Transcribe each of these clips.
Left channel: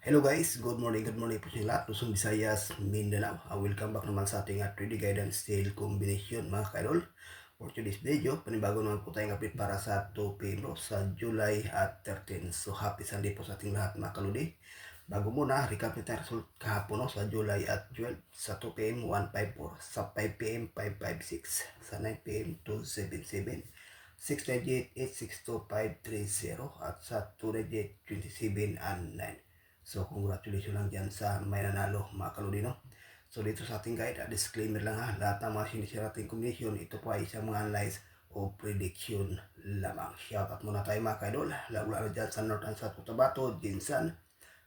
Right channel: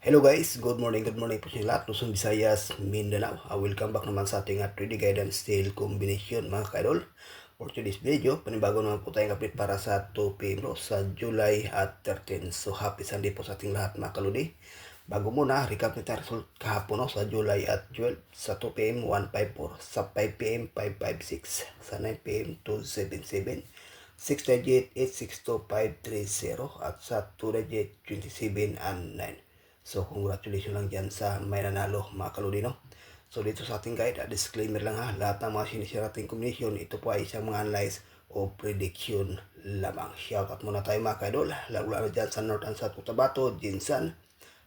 Hello guys, good morning po sa lahat. Luzon, Visayas, Mindanao. Welcome back naman sa ating 3D Guidance Style Combination mga kaidol. For today's video, panibago naman po tayong update para sa 2 PM sa July at 13. So happy Sunday po sa ating lahat mga kaludi. Bago muna, recap natin ang result kahapon sa July at 12. Sa 2 PM 154, sa 5 PM 556, sa 9 PM 277, 6 digit 862530 at sa 2 digit 27 and 9. So, congratulations lang dyan sa may nanalo mga kaludino. So, dito sa ating guide, disclaimer lang ha, lahat ng mga sinishare nating combination, ito po ay isang mga analyze o prediction lamang. Shoutout muna tayo mga kaidol, lalo-lalo dyan sa North and South Cotabato, Jinsan,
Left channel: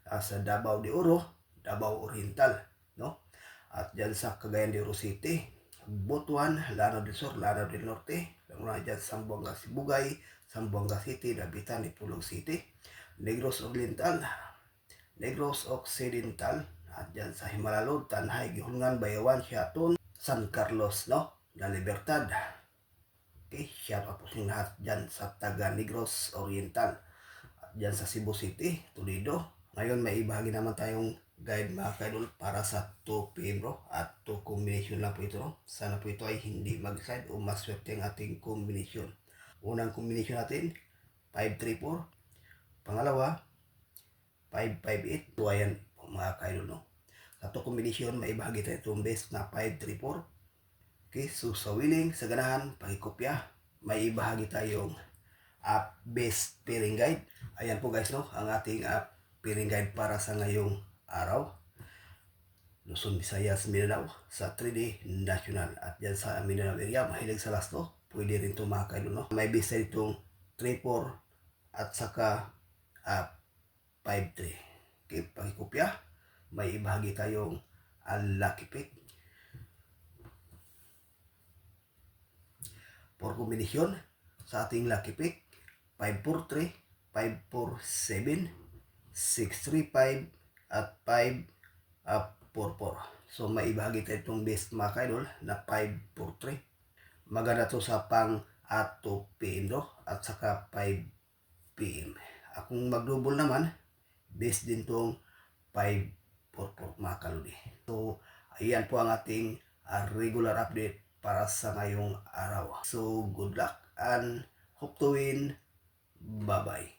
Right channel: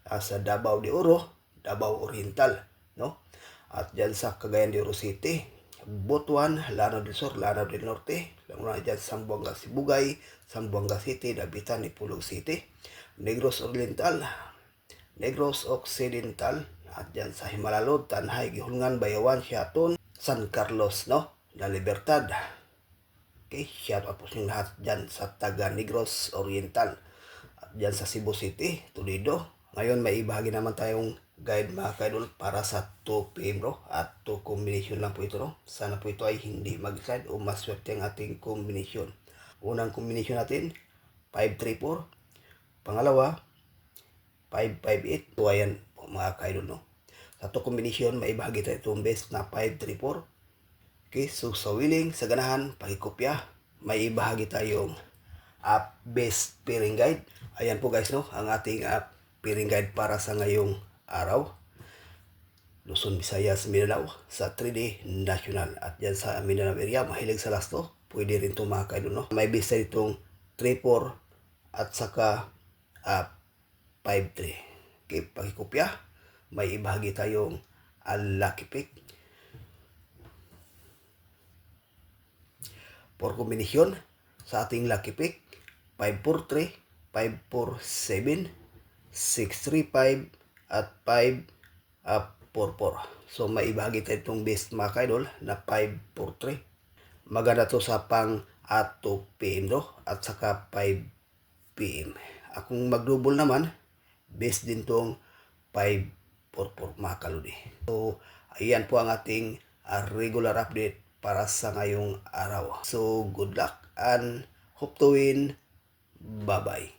sa Davao de Oro, Davao Oriental, no? At dyan sa Cagayan de Oro City, Butuan, Lanao del Sur, Lanao del Norte, lalo dyan sa Sambuanga Sibugay, Sambuanga City, Dapitan, Ipulog City, Negros Oriental, Negros Occidental, at dyan sa Himalalod, Tanhay, Gihungan, Bayawan, Siaton, San Carlos, no? La Libertad. Okay, shout out po sa lahat dyan sa taga Negros Oriental. At dyan sa Cebu City, Toledo. Ngayon may ibahagi naman tayong guide mga kaidol para sa 2 PM bro. At 2 combination lang po ito, no? Sana po ito ay hindi mag-slide o maswerte ang ating combination. Unang combination natin, 534. Pangalawa, 558. So ayan po mga kaidol, no? Sa to combination, maibahagi tayo itong best na 534. Okay, so sa willing, sa ganahan, pakikopya, may ibahagi tayong best pairing guide. Ayan po guys, no? Ang ating pairing guide para sa ngayong araw. Luzon, Visayas, Mindanao sa 3D National. At yan sa Mindanao area, mahilig sa lasto. Pwede rin ito mga kaidol, no? May best itong 3-4 at saka 5-3. Okay, pakikopya, may ibahagi tayong lucky pick. For kombinasyon, sa ating lucky pick, 543, 547, 635, at 544. So may ibahagi tayo itong best mga kaidol na 543. Maganda to sa pang 2 PM do, at saka 5 PM. Akong mag-double naman, best din tong 544 mga kaludi. So ayan po ang ating regular update para sa ngayong araw. So good luck and hope to win. Bye-bye.